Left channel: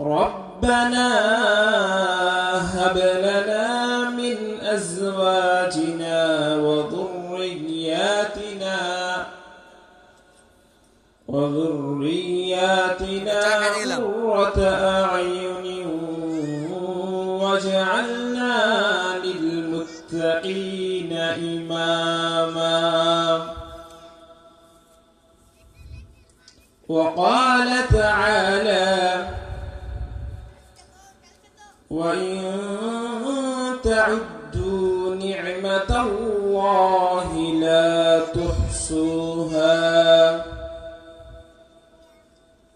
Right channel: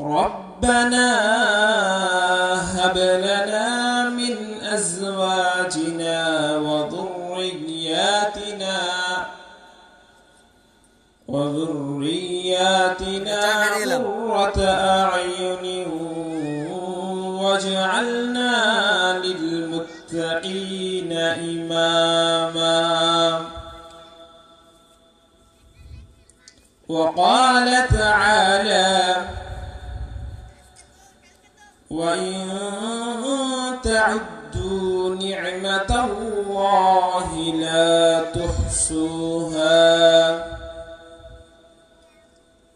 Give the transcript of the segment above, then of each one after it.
ربنا هب لنا من أزواجنا وذرياتنا قرة أعين واجعلنا للمتقين إماما. وقال تعالى: وإن تعدوا نعمة الله لا تحصوها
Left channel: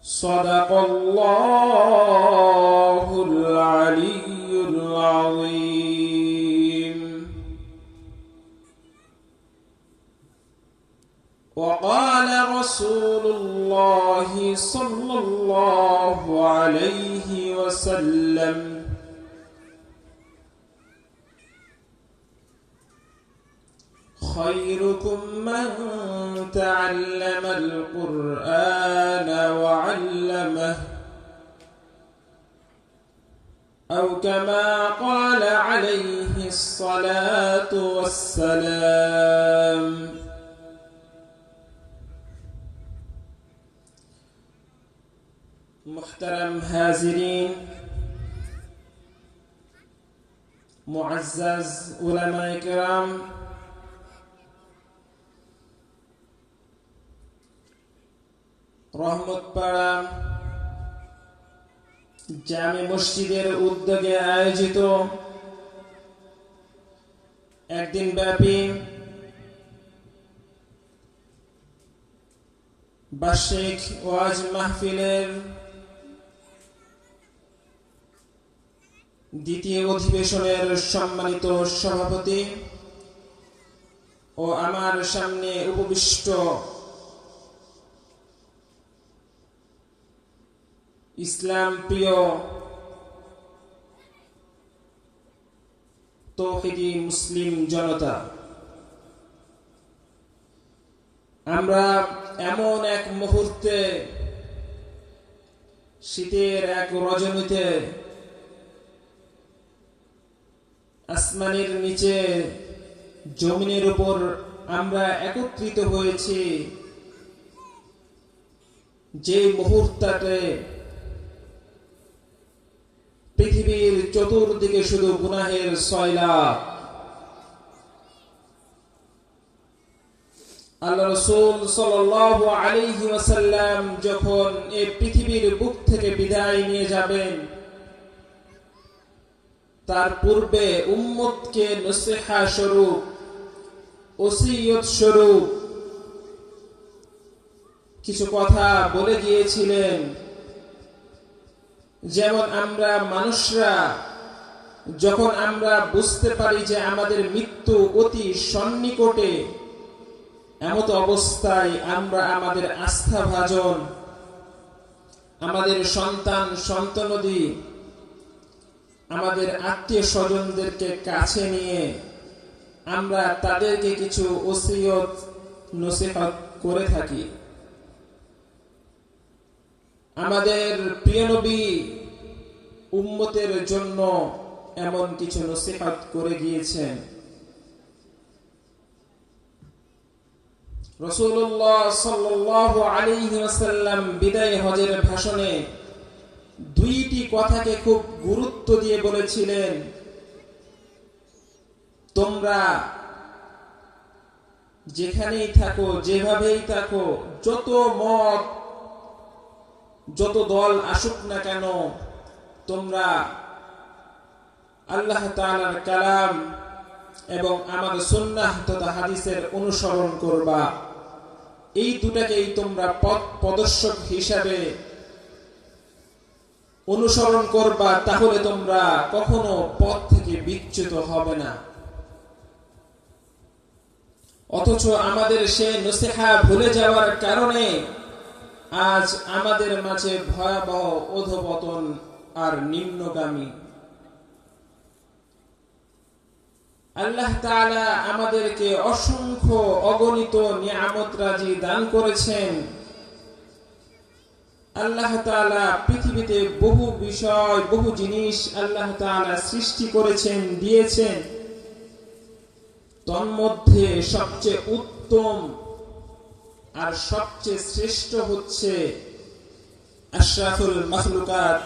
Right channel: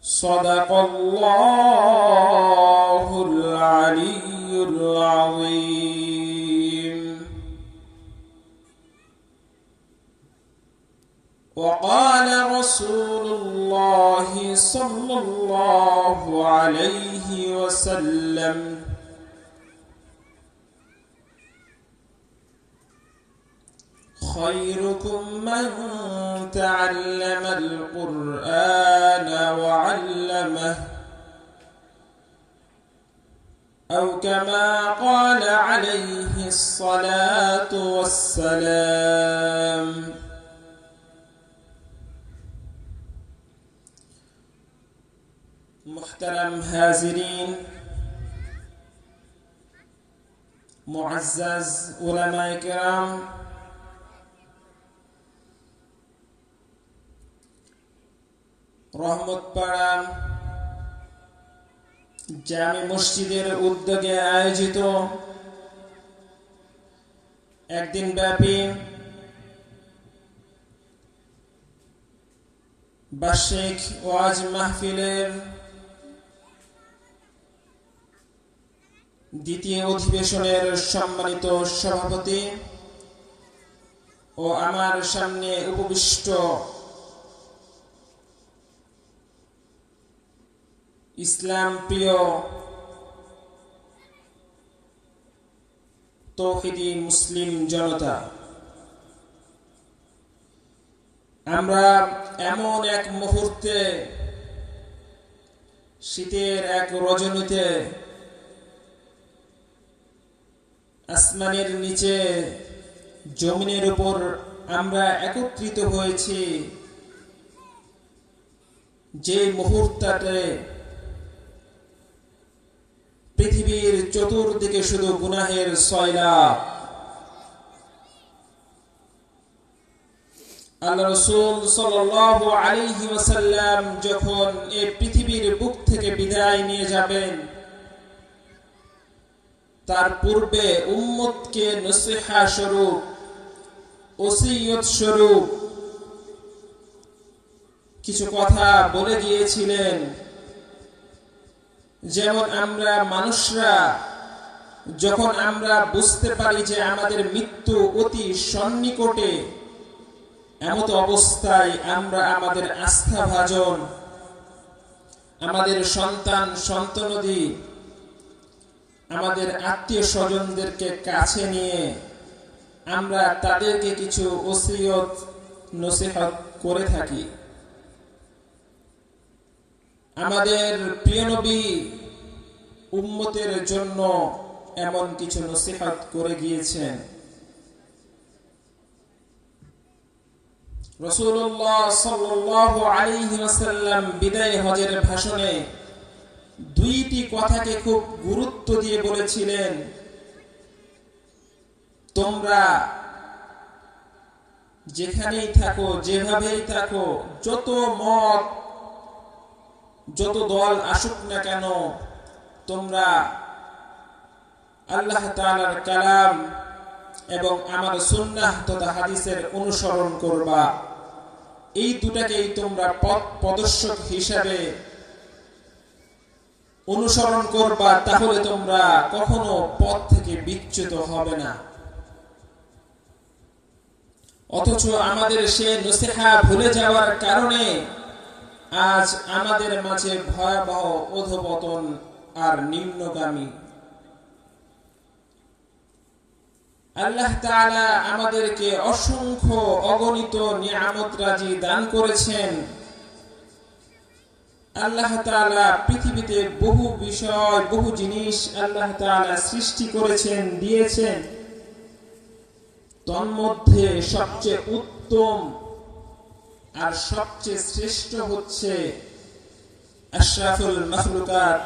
صدق الله العلي العظيم. وقال رسول الله صلى الله عليه وسلم: خيركم من تعلم القرآن وعلمه، أو كما قال عليه الصلاة والسلام. محترم हाज़रीन, मुअज़्ज़ज़ उलमाए किराम, রহমতপাড়া জামে মসজিদের উদ্যোগে আয়োজিত একদিন ব্যাপী বার্ষিক ওয়াজ মাহফিলের দ্বিতীয় অধিবেশনের সম্মানিত সভাপতি ও আমার সামনে উপবিষ্ট ইসলাম প্রিয় তৌহিদি মুসলিম জনতা, আমরা এমন এক মুহূর্তে, শীতের এক রজনীতে আসমানের নিচে জমিনের উপর আমরা একত্রিত হয়েছি, যে মুহূর্তটাতে পৃথিবীর চতুর্দিকে শুধু গুনাহের সয়লাব। আল্লাহ রাসূল সাল্লাল্লাহু আলাইহি ওয়াসাল্লাম যখন এই পৃথিবীর বুক থেকে বিদায় নিয়ে যাবেন, তার পূর্বে উম্মতকে নসিহা স্বরূপ, ওসিয়ত স্বরূপ কিছু কথা বলে গিয়েছিলেন। যেমন আমরা মানুষরা যখন আমরা বুঝতে পারি যে আমাদের মৃত্যু অতি সন্নিকটে, এমত অবস্থায় আমরা আমাদের আস্থাভাজন, আমাদের সন্তান সন্ততি, আমাদের আত্মীয় স্বজনদেরকে কাছে নিয়ে আমরা তাদেরকে কিছু ওসিয়ত নসিহত করে থাকি। আমাদের প্রিয় নবী উম্মতের জন্য এমন কিছু নসিহত করে গিয়েছেন। রাসূলুল্লাহ সাল্লাল্লাহু আলাইহি ওয়াসাল্লাম বিদায় হজের ভাষণে দুইটি কথাকে খুব গুরুত্ব দিয়ে বলেছিলেন, তোমরা যেখানেই থাকো, যেভাবেই থাকো, যত মত যত দল আসুক না কেন, তোমরা আল্লাহ তাআলার কালাম এবং আমার সুন্নাহ তথা হাদিসের অনুসরণ করবা। এই দুটাকেই তোমরা পথ প্রদর্শক হিসাবে অনুসরণ করবা, তাহলে তোমরা কখনো পথ থেকে বিচ্যুত হবে না। অথচ আমাদের সে নসিহা ভুলে যাওয়ার কারণে আজ আমাদের মাঝে ভয়াবহ অধঃপতন আর নিম্নগামী। আল্লাহ তাআলা আমাদেরকে অসংখ্য অগণিত নিয়ামত রাজি দান করেছেন, আল্লাহ তাআলা পৃথিবীতে বহু বিষয়, বহু জিনিস আল্লাহ তাআলা সৃষ্টি করেছেন, দিয়েছেন। তন্মধ্যে সবচেয়ে উত্তম আর সবচেয়ে শ্রেষ্ঠ হচ্ছে আশরাফুল মাখলুকাত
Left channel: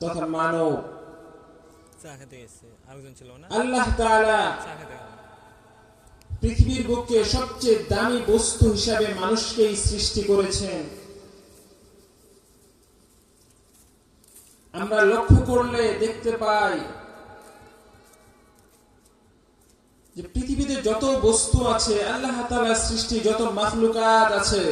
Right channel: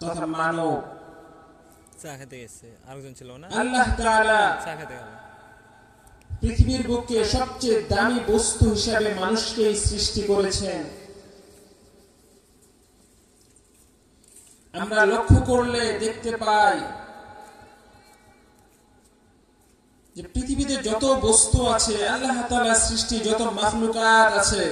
তথা মানব। আল্লাহ তাআলা পৃথিবীর বুকে সবচেয়ে দামি বস্তু হিসাবে মানুষকেই সৃষ্টি করেছেন। আমরা লক্ষ্য করলে দেখতে পাই যে পৃথিবীতে যত বস্তু আছে, আল্লাহ তাআলার সৃষ্টি যত মাখলুকাত আছে,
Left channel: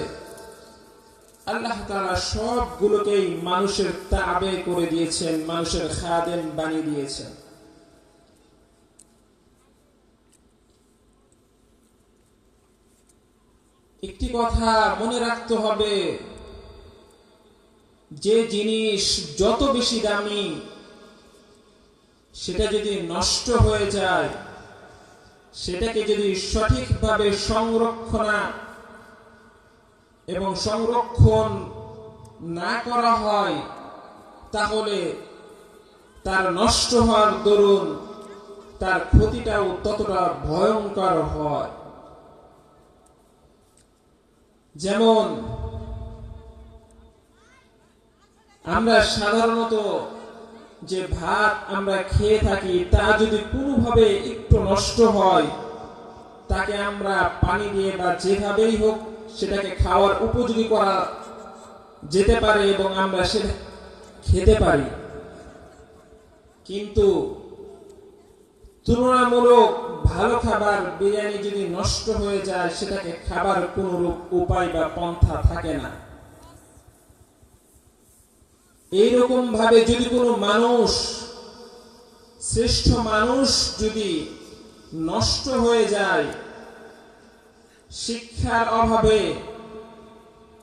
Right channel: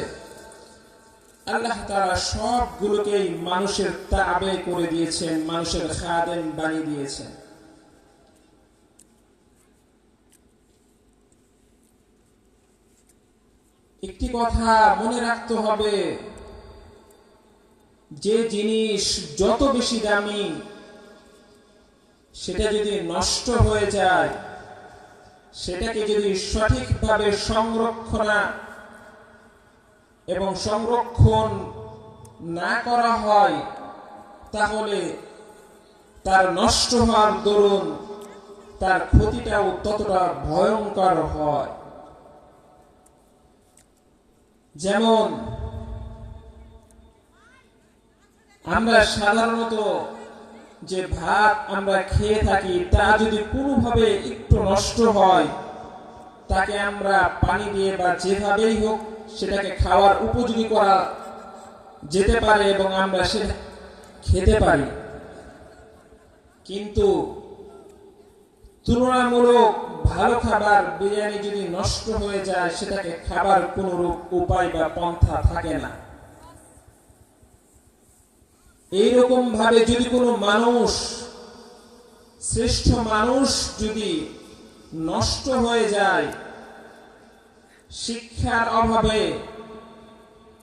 আল্লাহ তাআলা সবগুলোকেই মানুষের তাবে করে দিয়েছেন, মানুষের খাদেম বানিয়ে দিয়েছেন। একটি কথা মনে রাখতে হবে, যে জিনিস যত বেশি দামি সেটা যদি নষ্ট হয়ে যায়, সেটাকে যদি সঠিকভাবে সংরক্ষণ না করা হয়, তাহলে তার নষ্ট হওয়ার দরুন তার ক্ষতিটাও ততটা ভয়ঙ্কর হয়। যেমন আমরা সাধারণত যে ভাত আমরা খেয়ে থাকি, তা যদি কোনোভাবে একটু নষ্ট হয়, তাকে আমরা পানি দিয়ে বা যেভাবেই হোক সেটাকে খাওয়ার উপযোগী করা যেতে পারে এবং আমরা সেটা খেতে পারি। কিন্তু তুলনামূলক ভালো খাবার বিরিয়ানি যদি নষ্ট হয়ে যায়, সেটাকে খাবার কোনরূপ উপায় বা পন্থা থাকে না। এইরকম ভাবে যদি কোনো মানুষ, শ্রেষ্ঠ মানুষ যদি নষ্ট হয়ে যায় শিক্ষার অভাবে,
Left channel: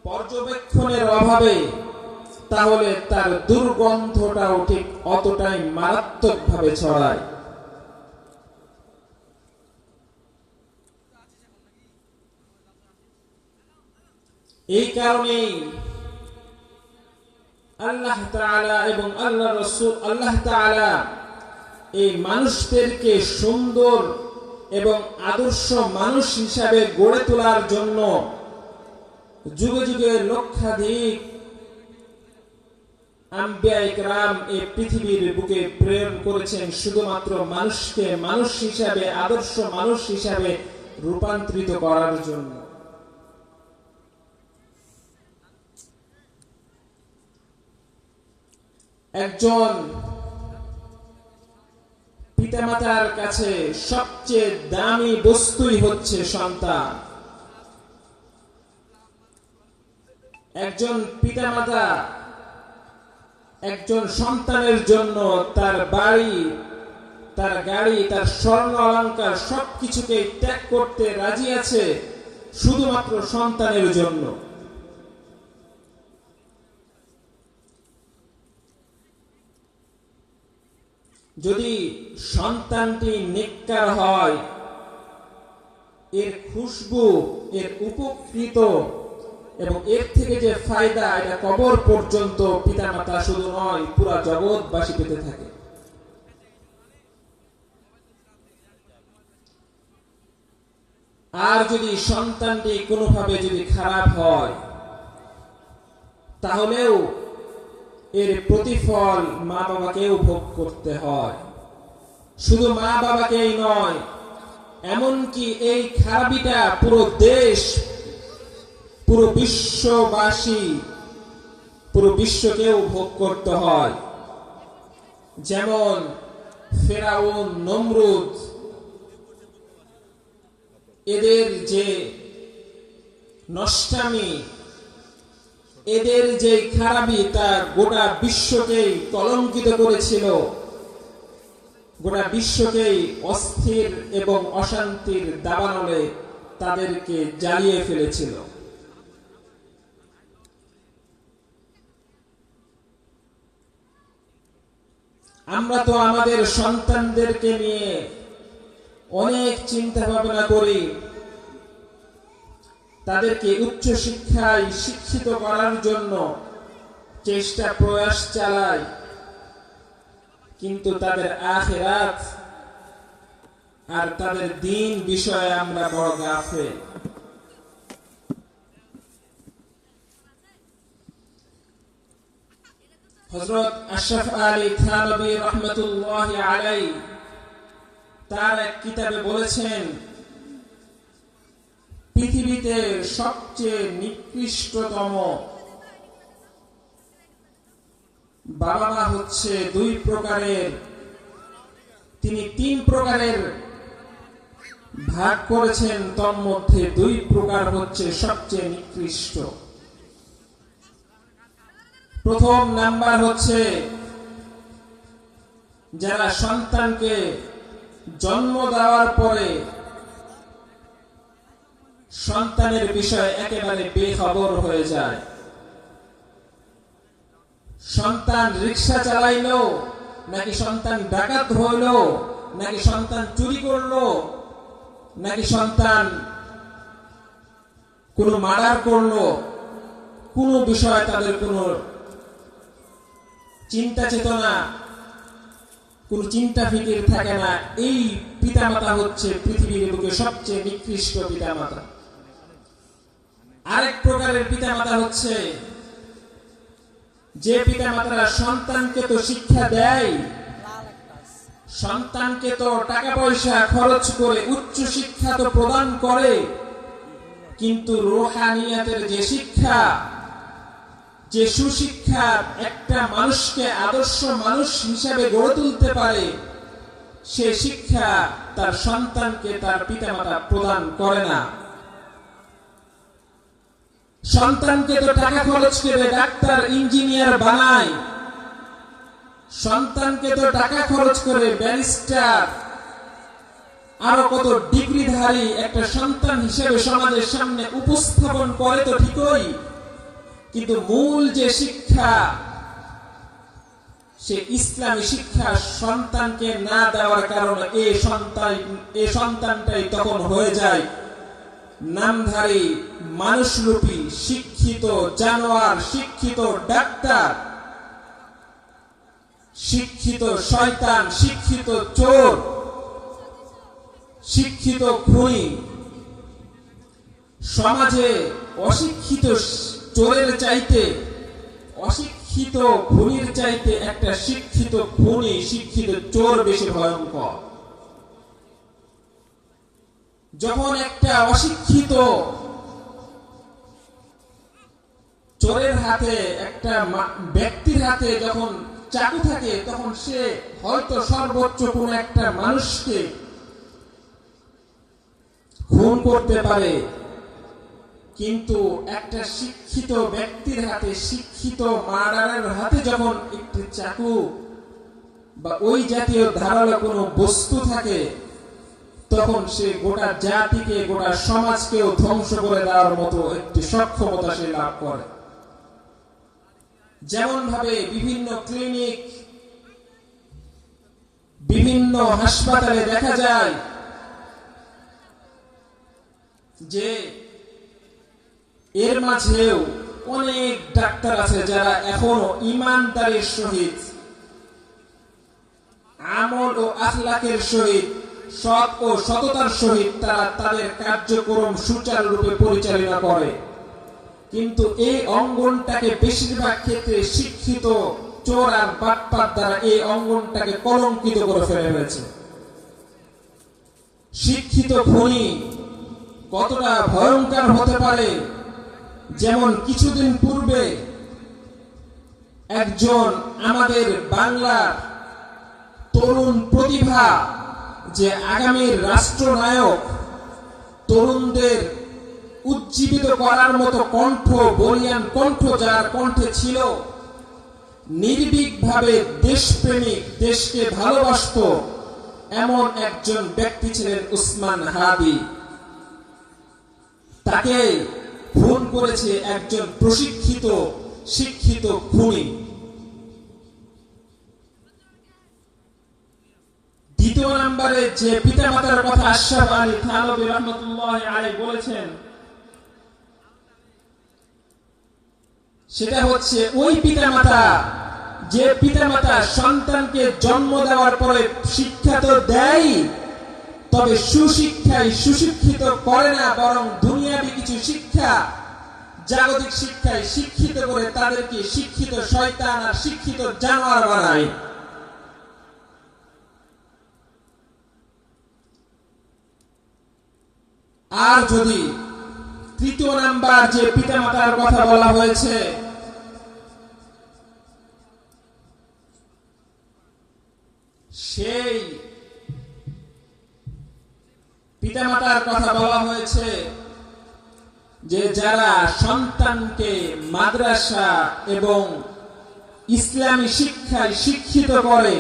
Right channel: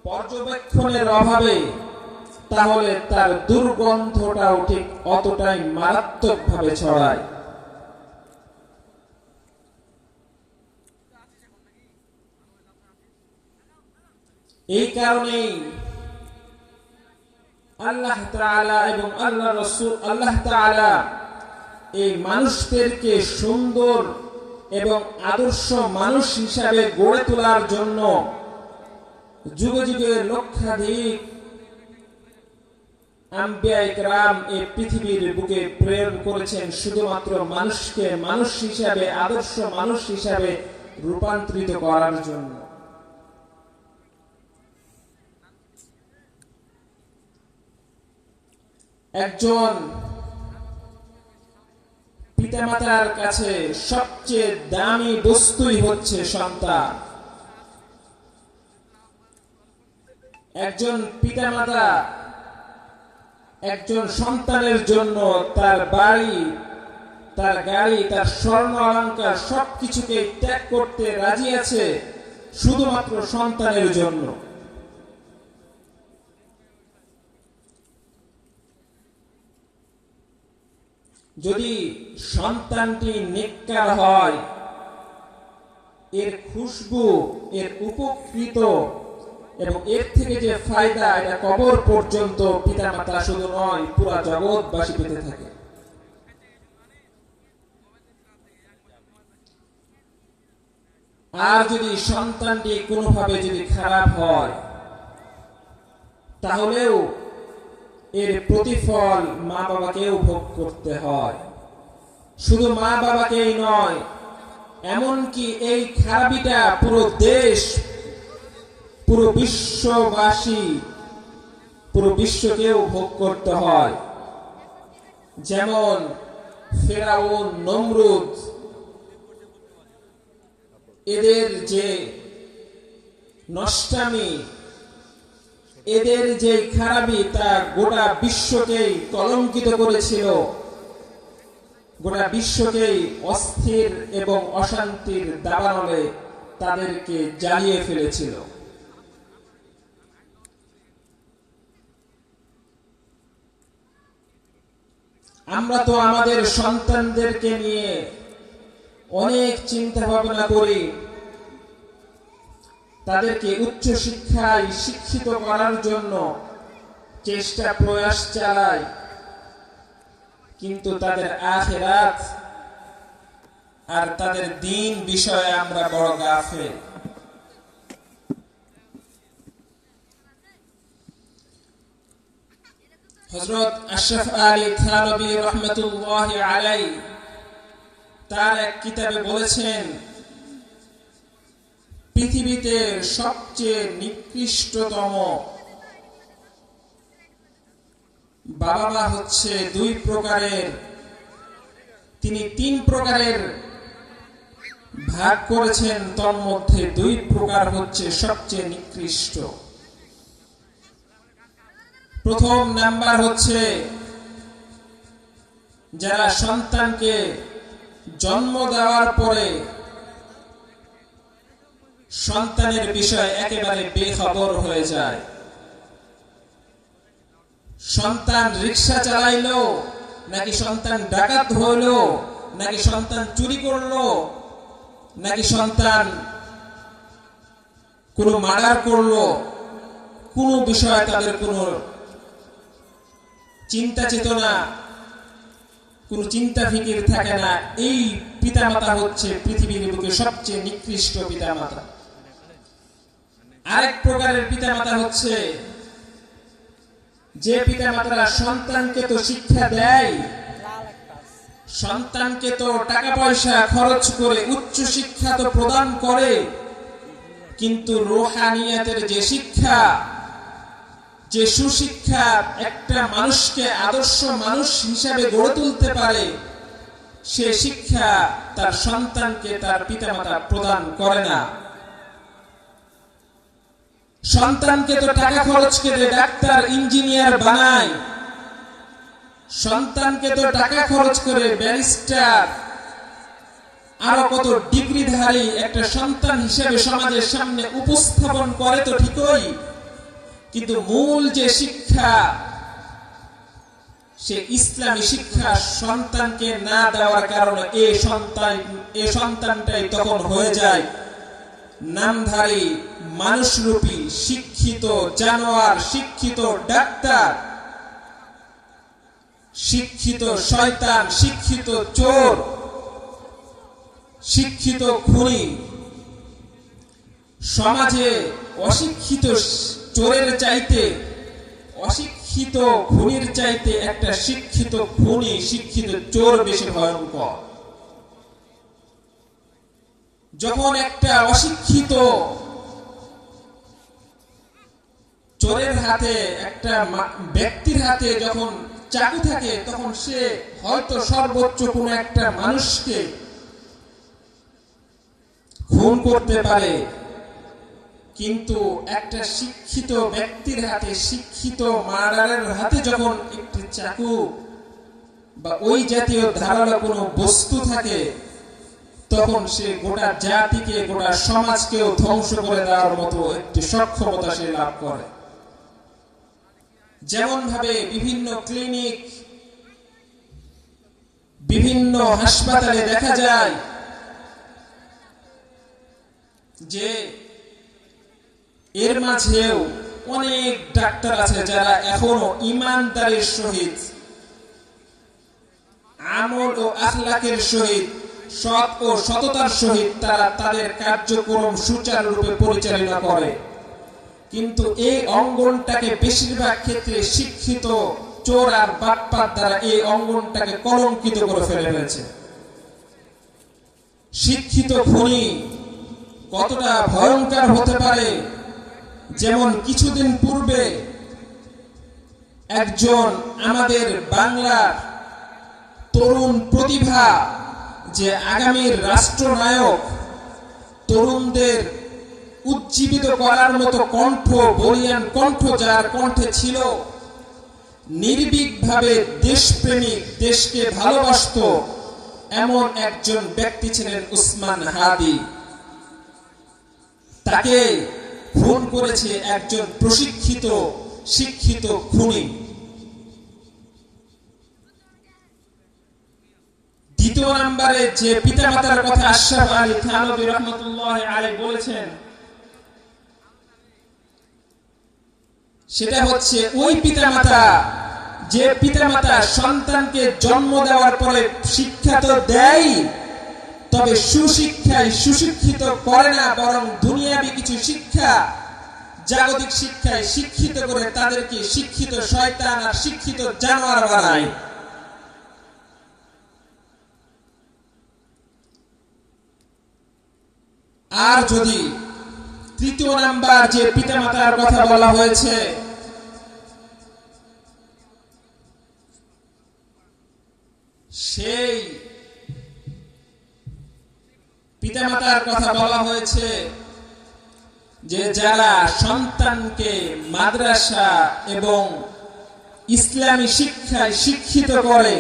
পর্যবেক্ষণের অভাবে, তাহলে তার দুর্গন্ধটাও ঠিক অতটাই মারাত্মকভাবে ছড়ায়। এই কারণেই আল্লাহ তাআলা এবং আল্লাহ তাআলা এই মানুষদেরকে সুন্দর এবং আদর্শ মানুষ হিসাবে গড়ে তোলার জন্য যুগে যুগে লক্ষাধিক আম্বিয়া ইকরাম এই পৃথিবীর বুকে প্রেরণ করেছেন, শুধুমাত্র মানুষকে মানুষ হিসাবে, আদর্শ মানুষ হিসাবে রূপান্তরিত করার জন্য। একজন পিতামাতার কাছে সবচেয়ে দামি বস্তুই হচ্ছে সন্তান। একজন পিতামাতা একজন সন্তানের জন্য তার বাড়ি, তার গাড়ি, তার স্বর্ণ অলংকার সবকিছুকে ত্যাগ করতে রাজি আছে শুধুমাত্র সন্তানের জন্য। যদি সন্তানটি নেককার হয়, এর খুশবু, এর উপকৃত এবং এর থেকে যে ফায়দা, এটা কবর পর্যন্ত পিতামাতা শুধু নয়, পুরা জগৎবাসী পেতে থাকে। আর যদি সন্তানটি কোনোভাবে যদি খারাপ হয়, তাহলেও এর প্রতিফল মা বাবাকেও ভোগ করতে হয়। শুধু মা বাবাকেই নয়, এমনকি এই খারাপিটা পুরো দেশ, পুরো বিশ্ববাসী, পুরো বিশ্বকেও ভোগ করতে হয়। যেমন ফেরাউন, নমরুদ, এদের যে নষ্টামি, এদের যে খারাপি, তা গোটা বিশ্বকেই কলঙ্কিত করেছিল, গোটা বিশ্বকেই অস্থির এবং অশান্তির দাবানলে তাদেরকে জ্বালিয়ে ফেলেছিল। আমরা তো আমাদের সন্তানদেরকে নিয়ে অনেক চিন্তা ভাবনা করি, তাদেরকে উচ্চ শিক্ষায় শিক্ষিত করার জন্য চেষ্টা প্রয়াস চালায়, কিন্তু তাদের আখিরাত আর তাদের দ্বীন বিষয়ে আমরা বড় গাফেল। হযরত আশরাফ আলী থানভী রাহমাতুল্লাহি আলাইহি তার এক কিতাবে বলেছেন, পৃথিবীতে সবচেয়ে নিকৃষ্টতম বাবা মা হচ্ছে দুই প্রকারের। তিনি তিন প্রকারের ভাগ করেছেন, তার মধ্যে দুই প্রকার হচ্ছে সবচেয়ে নিকৃষ্ট। প্রথম নাম্বার হচ্ছে যারা সন্তানকে জন্ম দেওয়ার পরে সন্তানের বিষয়ে একেবারে বেখবর হয়ে যায়। সন্তান রিকশা চালাইলো, নাকি সন্তান ডাকাত হইলো, নাকি সন্তান চুরি করলো, নাকি সন্তান কোনো মার্ডার করলো, কোনো বিষয়ে তাদের কোনো চিন্তা চেতনা, কোনো চিন্তা ফিকির থাকে না। এই পিতামাতা হচ্ছে পৃথিবীর বুকে সবচেয়ে নিকৃষ্ট পিতামাতা। আরেক প্রকারের পিতামাতা হচ্ছে যে পিতামাতারা সন্তানকে তো শিক্ষা দেয়, সন্তানকে তো টাকা পয়সা খরচ করে উচ্চ শিক্ষা তো প্রদান করে, কিন্তু রুহানিয়াতের যে শিক্ষা, যে সুশিক্ষা একটা মানুষকে আদর্শ মানুষ হিসাবে গড়ে তুলতে পারে, সে শিক্ষা তার সন্তানকে তার পিতামাতা প্রদান করে না। সন্তানকে তো টাকা খরচ করে ডাক্তার ইঞ্জিনিয়ার বানায়, সন্তানকে তো টাকা খরচ করে ব্যারিস্টার আরো কত ডিগ্রিধারী একটা সন্তান হিসেবে সমাজের সামনে উপস্থাপন করে তো ঠিকই, কিন্তু মূল যে শিক্ষা, সে ইসলামী শিক্ষা সন্তানকে না দেওয়ার কারণে এই সন্তানটাই তখন হয়ে যায় নামধারী মানুষরূপী শিক্ষিত জানোয়ার, শিক্ষিত ডাক্তার, শিক্ষিত শয়তান, শিক্ষিত চোর, শিক্ষিত খুনি। সমাজে অশিক্ষিত চোরের চাইতে, অশিক্ষিত খুনির চাইতে একটা শিক্ষিত খুনি, শিক্ষিত চোর বেশি ভয়ঙ্কর। যখন একটা অশিক্ষিত চোরের হাতে, একটা ব্যক্তির হাতে যখন চাকু থাকে, তখন সে হয়তো সর্বোচ্চ কোন একটা মানুষকে খুন করতে পারে, কিন্তু একটা শিক্ষিত ব্যক্তির হাতে, শিক্ষিত মার্ডারের হাতে যখন একটি চাকু বা ওই জাতীয় ধারালো কোনো বস্তু থাকে, তখন সে গোটা জাতিকে, গোটা সমাজকেও ধ্বংস করে দেওয়ার মতো একটি সক্ষমতা সে লাভ করে। যেমন ভাবে বিভিন্ন ক্লিনিক, বিভিন্ন হাসপাতালে দেখা যায় যে এর মাঝেও অনেক ডাক্তার আছে যারা এখনো ইমানদারির সহিত, আমল ও আখলাকের সহিত, সৎ ও সততার সহিত তারা তাদের কার্যক্রম সুচারুরূপে পরিচালনা করে, কিন্তু এই অঙ্গনটাকে বেশিরভাগ ক্ষেত্রে শিক্ষিত চোর আর বাটপার দ্বারা এই অঙ্গনটাকে কলঙ্কিত করে ফেলে হয়েছে। শিক্ষিত খুনি কতটা ভয়ঙ্কর হতে পারে, যেমন কিছুদিন পূর্বে একজন আমাদের বাংলার তরুণ প্রতিভা, যে আগামীর রাষ্ট্রনায়ক, তরুণদের উজ্জীবিত করার মতো কণ্ঠ, বলিয়ান কণ্ঠ যার কণ্ঠে ছিল, নির্ভীকভাবে দেশপ্রেমিক, দেশকে ভালোবাসত, এমন একজন ব্যক্তি ছিলেন উসমান হাদি। তাকে খুন করেছে একজন প্রশিক্ষিত শিক্ষিত খুনি। দ্বিতীয় নম্বরে যে পিতামাতার কথা আশরাফ আলী থানভী রাহমাতুল্লাহি আলাইহি বলেছেন, সেটা হচ্ছে ওই পিতামাতা যে পিতামাতা সন্তানকে জন্ম দেওয়ার পরে শিক্ষা তো দেয়, তবে সুশিক্ষায় সুশিক্ষিত করে না, বরং দুনিয়াবি কিছু শিক্ষা, জাগতিক শিক্ষায় শিক্ষিত করে তাদেরকে শিক্ষিত শয়তান আর শিক্ষিত জানোয়ার বানায়। আর যদি তৃতীয় নাম্বার যে পিতামাতার কথা বলা হয়েছে, সেই পিতামাতার কথা বলা হয়েছে যে যারা সন্তানকে মাদ্রাসা এবং ইসলামী শিক্ষায় শিক্ষিত করে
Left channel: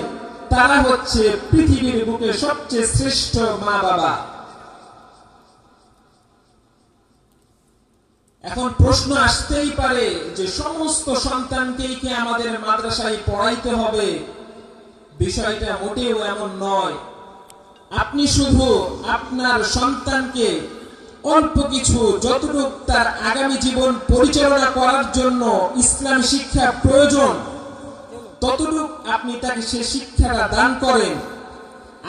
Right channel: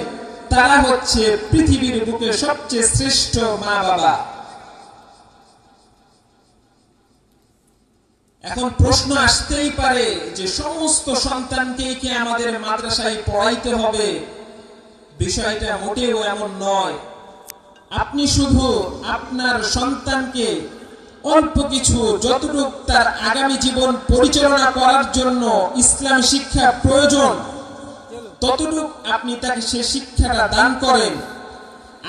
তারা হচ্ছে পৃথিবীর বুকে সবচেয়ে শ্রেষ্ঠ মা বাবা। এখন প্রশ্ন আসতেই পারে যে সমস্ত সন্তানকে কি আমাদের মাদ্রাসায় পড়াইতে হবে? বিষয়টা মোটেও এমন নয়। আপনি শুধু আপনার সন্তানকে অল্প কিছু, যতটুকু তার আগামী জীবন পরিচালনা করার জন্য ইসলামী শিক্ষা প্রয়োজন, ততটুকু আপনি তাকে সে শিক্ষাটা দান করেন।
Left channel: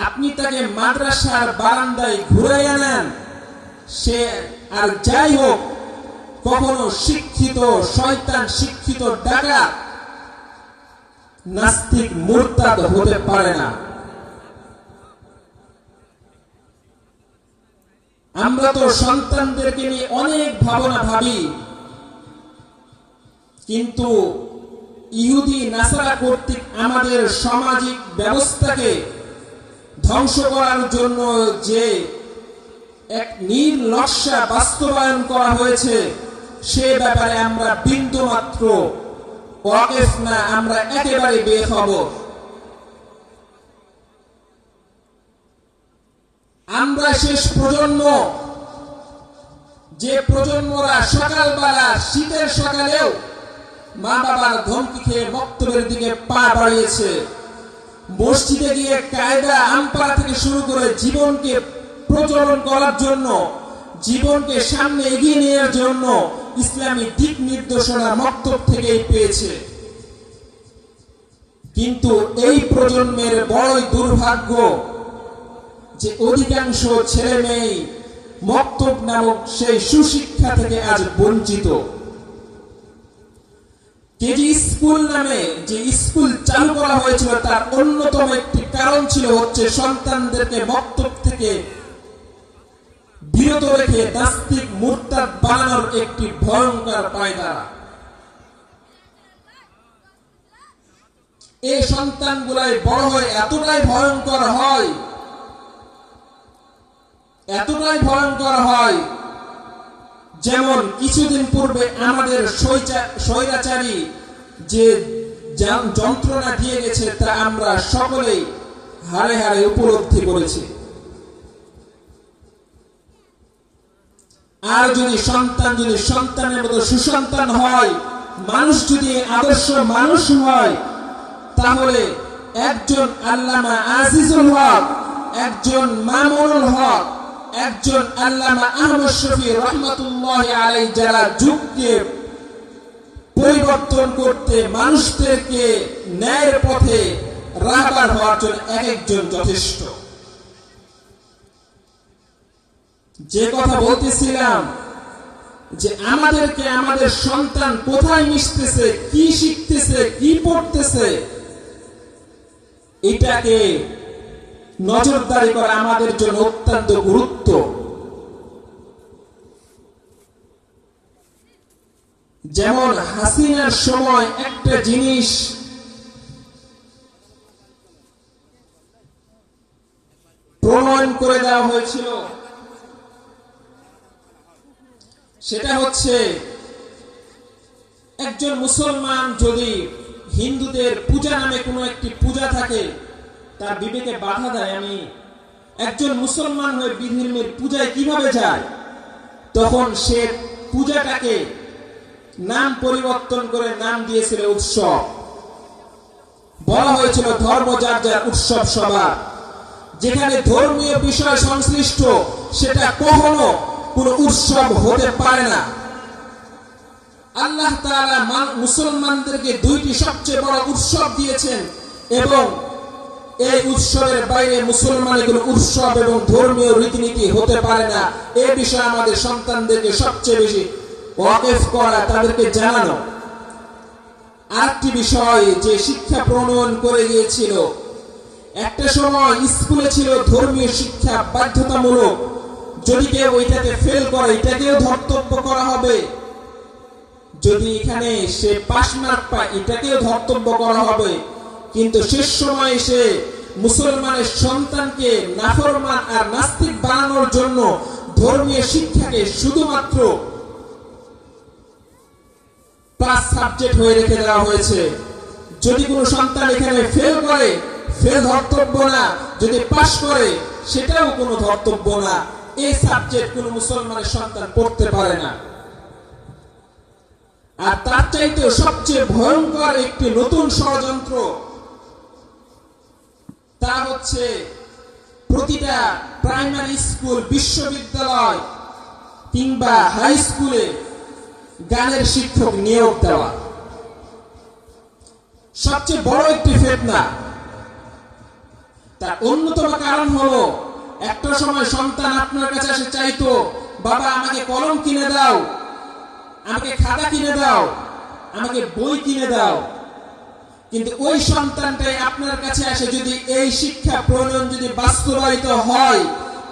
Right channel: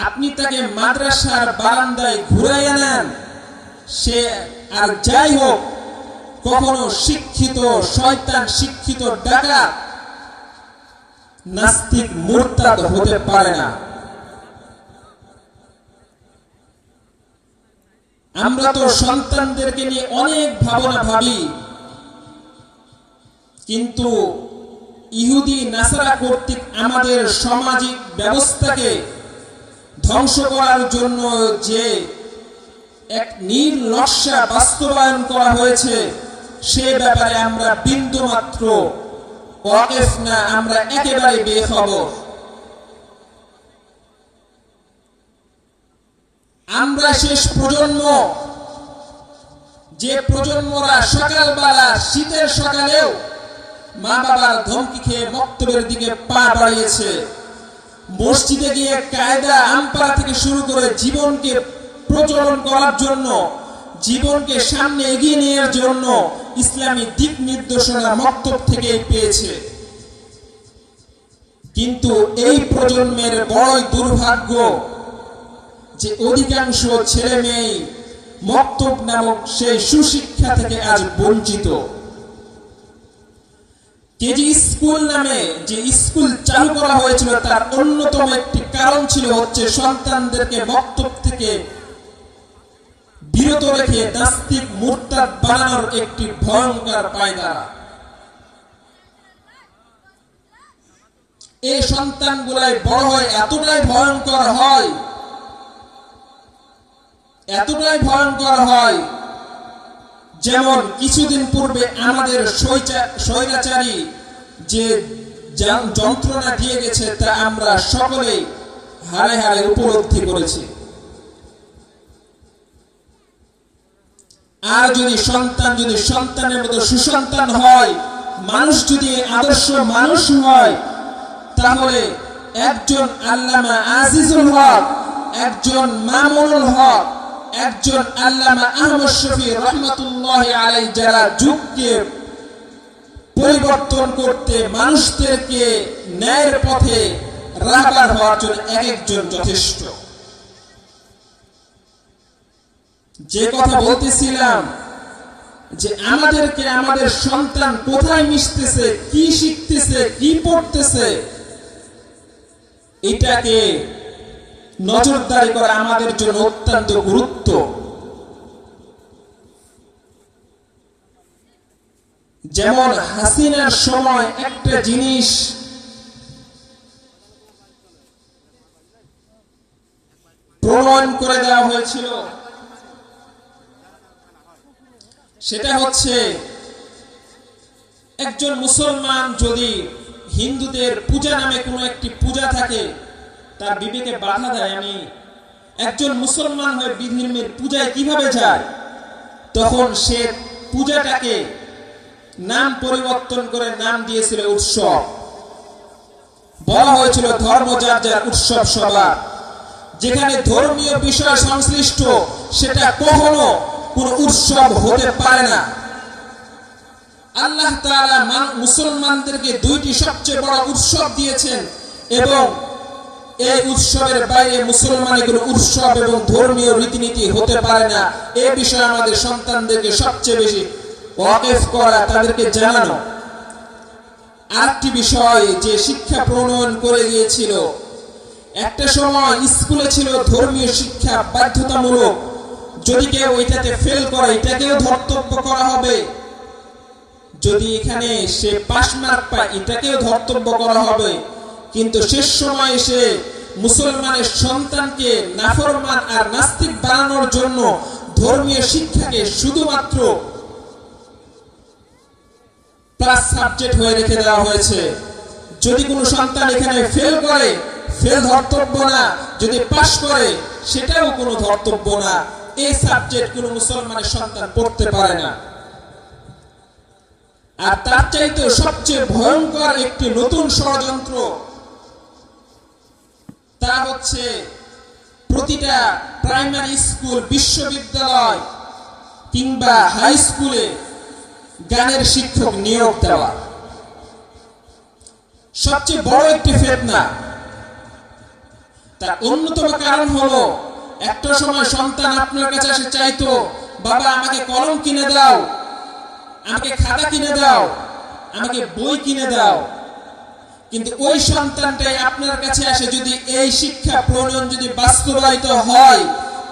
আপনি তাকে মাদ্রাসার বারান্দায় ঘুরাইয়া নেন, সে আর যাই হোক কখনো শিক্ষিত শয়তান, শিক্ষিত ডাকাত, নাস্তিক, মুরতাদ হতে পারে না। আমরা তো সন্তানদেরকে নিয়ে অনেক ভাবনা ভাবি, কিন্তু ইহুদি নাসারা কর্তৃক আমাদের সামাজিক ব্যবস্থাকে ধ্বংস করার জন্য যে এক নীল নকশা বাস্তবায়ন করা হয়েছে, সে ব্যাপারে আমরা বিন্দু মাত্র ওয়াকিফ না, আমরা একেবারে বেখবর। আমরা শেষ প্রজন্ম, যে প্রজন্মরা সকালবেলা শীতের সকালেও মা বাবার ধমকি খেয়ে বক্তব্যের দিকে পা বাড়িয়েছে, মসজিদে গিয়ে কায়দা আমপারা থেকে শুরু করে জীবনকে প্রচলন করার জন্য, জীবনকে সামনে এগিয়ে নেওয়ার জন্য ইসলামী দিক নির্দেশনা মক্তব থেকেই পেয়েছে। কিন্তু এই প্রজন্মের বড় দুর্ভাগ্য যে অধিকাংশ ছেলে মেয়ে মক্তব নামক সেই সুশিক্ষা থেকে আজ বঞ্চিত। কেজি স্কুল নামে যে স্কুল চালু করা হয়েছিল তার অন্যতম একটি কারণ ছিল হচ্ছে সন্তানদেরকে মক্তব থেকে বিরত রেখে নাস্তিক মুরতাদ বানানোর একটি ভয়ঙ্কর পায়দারা। এই সন্তানগুলাই বড় হয় এতটাই ভয়ঙ্কর হয়, এতটাই ভয়ঙ্কর হয়, যেমন কিছুদিন পূর্বে আমাদের স্বৈরাচারী যে যন্ত্রণা দিয়ে গেছে তা আমরা সকলেই হাড়ে হাড়ে উপলব্ধি করেছি। আর যদি সন্তানের মতো সুসন্তান হয়, মানুষ যদি আদর্শ মানুষ হয়, তাহলে একজন আল্লামা আজিজুল হক, একজন মামুনুল হক, একজন আল্লামা আহমদ শফি রহমাতুল্লাহি আলাইহি যারা যুগকে পরিবর্তন করতে, মানুষদেরকে ন্যায়ের পথে রাহবার হওয়ার জন্য একজন যথেষ্ট। যে কথা বলতেছিলাম যে আমাদেরকে আমাদের সন্তান কোথায় মিশতেছে, কি শিখতেছে, কি পড়তেছে, এটাকে নজরদারি করা আমাদের জন্য অত্যন্ত গুরুত্ব। যেমন হাসিনার সময় একটা জিনিস প্রমাণ করে দেওয়া হয়েছিল, সেটা হচ্ছে একজন মুসলমান যদি হিন্দুদের পূজা নামে কোনো একটি পূজা থাকে, তার বিবেকে বাধা দেয়, আমি একজন মুসলমান হয়ে বিধর্মের পূজায় কিভাবে যায়, তখন সে পূজাটাকে নাম পরিবর্তন করে নাম দিয়েছিল উৎসব। বলা হয়েছিল ধর্ম যার যার, উৎসব সবার। যেখানে ধর্মীয় বিষয় সংশ্লিষ্ট সেটা কখনো কোন উৎসব হতে পারে না। আল্লাহ তাআলা মুসলমানদেরকে দুইটি সবচেয়ে বড় উৎসব দিয়েছেন এবং এই উৎসবের বাইরে মুসলমান এগুলো উৎসব এবং ধর্মীয় রীতিনীতি হতে পারে না। এই বিষয়ে আমাদের সন্তানদেরকে সবচেয়ে বেশি ওয়াকিফ করা, তাদেরকে জানানো। আরেকটি বিষয় যে শিক্ষা প্রণয়ন করে গিয়েছিল, একটা সময় স্কুলে ছিল ধর্মীয় শিক্ষা বাধ্যতামূলক, যদি কেউ এটাতে ফেল করে এটাকেও ধর্তব্য করা হবে, যদি এখানে সে পাস মার্ক পায় এটাকেও ধর্তব্য করা হবে। কিন্তু শেষ সময় এসে মুসলমানের সন্তানকে নাফরমান আর নাস্তিক বানানোর জন্য ধর্মীয় শিক্ষাকে শুধুমাত্র প্লাস সাবজেক্ট হয়ে রেখে দেওয়া হয়েছে। যদি কোনো সন্তান এখানে ফেল করে, ফেল ধর্তব্য না, যদি পাস করে সেটাও কোনো ধর্তব্য না। এই সাবজেক্ট কোনো মুসলমানের সন্তান পড়তে পারে না। আর তার চাইতে সবচেয়ে ভয়ঙ্কর একটি নতুন ষড়যন্ত্র, তা হচ্ছে প্রতিটা প্রাইমারি স্কুল, বিশ্ববিদ্যালয় কিংবা হাই স্কুলে গানের শিক্ষক নিয়োগ দেওয়া সবচেয়ে বড় একটি ফিতনা। তার অন্যতম কারণ হলো, একটা সময় সন্তান আপনার কাছে এসে চাইতো, বাবা আমাকে কলম কিনে দাও, আমাকে খাতা কিনে দাও, আমাকে বই কিনে দাও। কিন্তু ওই সন্তানটাই আপনার কাছে আসে যদি এই শিক্ষা প্রণয়ন যদি বাস্তবায়িত হয়,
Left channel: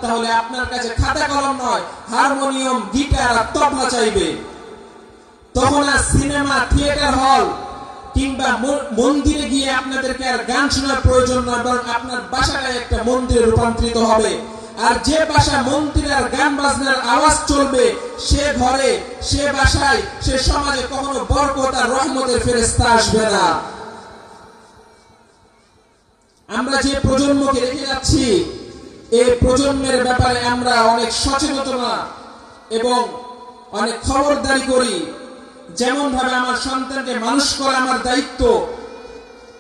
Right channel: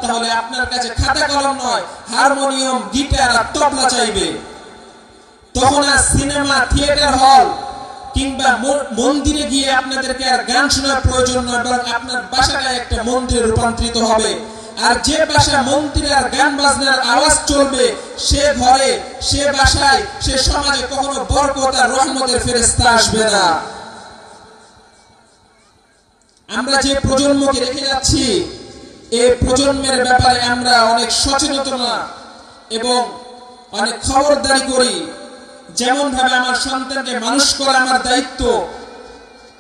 তাহলে আপনার কাছে খাতা কলম নয়, হারমোনিয়াম, গিটার আর তবলা চাইবে। তখন আর সিনেমা, থিয়েটার হল কিংবা মন্দিরে গিয়ে আপনাদেরকে আর গান শোনার প্রয়োজন নয়, বরং আপনার বাসাটাই একটা মন্দিরে রূপান্তরিত হবে। আর যে বাসা মন্দিরে আর গান বাজনার আওয়াজ চলবে, সে ঘরে, সে বাসায়, সে সমাজে কখনো বরকত আর রহমতের ফেরেশতা আসবে না। আমরা যে প্রজন্মকে রেখে যাচ্ছি, এই প্রজন্মের ব্যাপারে আমরা অনেক সচেতনতা এবং অনেক খবরদারি করি। যেমন ভাবে আমার সন্তানকে মানুষ করা আমার দায়িত্ব,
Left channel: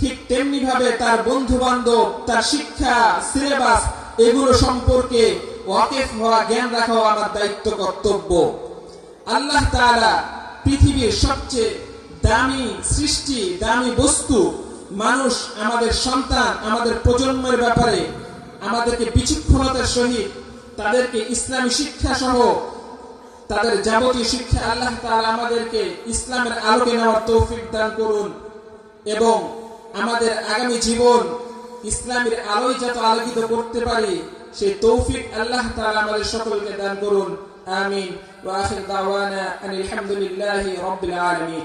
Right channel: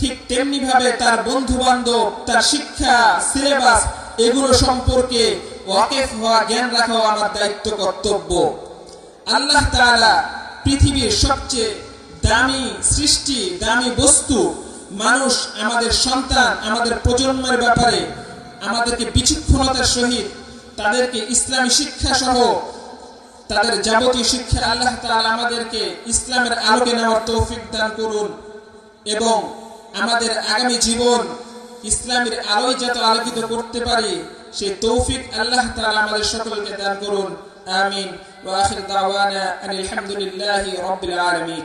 ঠিক তেমনি ভাবে তার বন্ধু বান্ধব, তার শিক্ষা, সিলেবাস এগুলো সম্পর্কে ওয়াকিফ হওয়া, জ্ঞান রাখা আমার দায়িত্ব, কর্তব্য। আল্লাহ তাআলা পৃথিবীর সবচেয়ে দামি সৃষ্টি, দামি বস্তু মানুষ, আমাদের সন্তান, আমাদের প্রজন্মের ব্যাপারে আমাদেরকে বিচক্ষণতার সহিত তাদেরকে ইসলামী শিক্ষা সহ তাদের যাবতীয় শিক্ষা আল্লাহ তাআলা আমাদেরকে ইসলামের আলোকে নেওয়ার তৌফিক দান করুন এবং আমাদের আগামী জীবন ইসলামের আলোয় যত আলোকিত করতে পারি সেই তৌফিক আল্লাহ তাআলা আমাদের সকলকে দান করুন। আমিন। ওয়া আখির দাওয়ানা আলহামদুলিল্লাহি রাব্বিল আলামিন।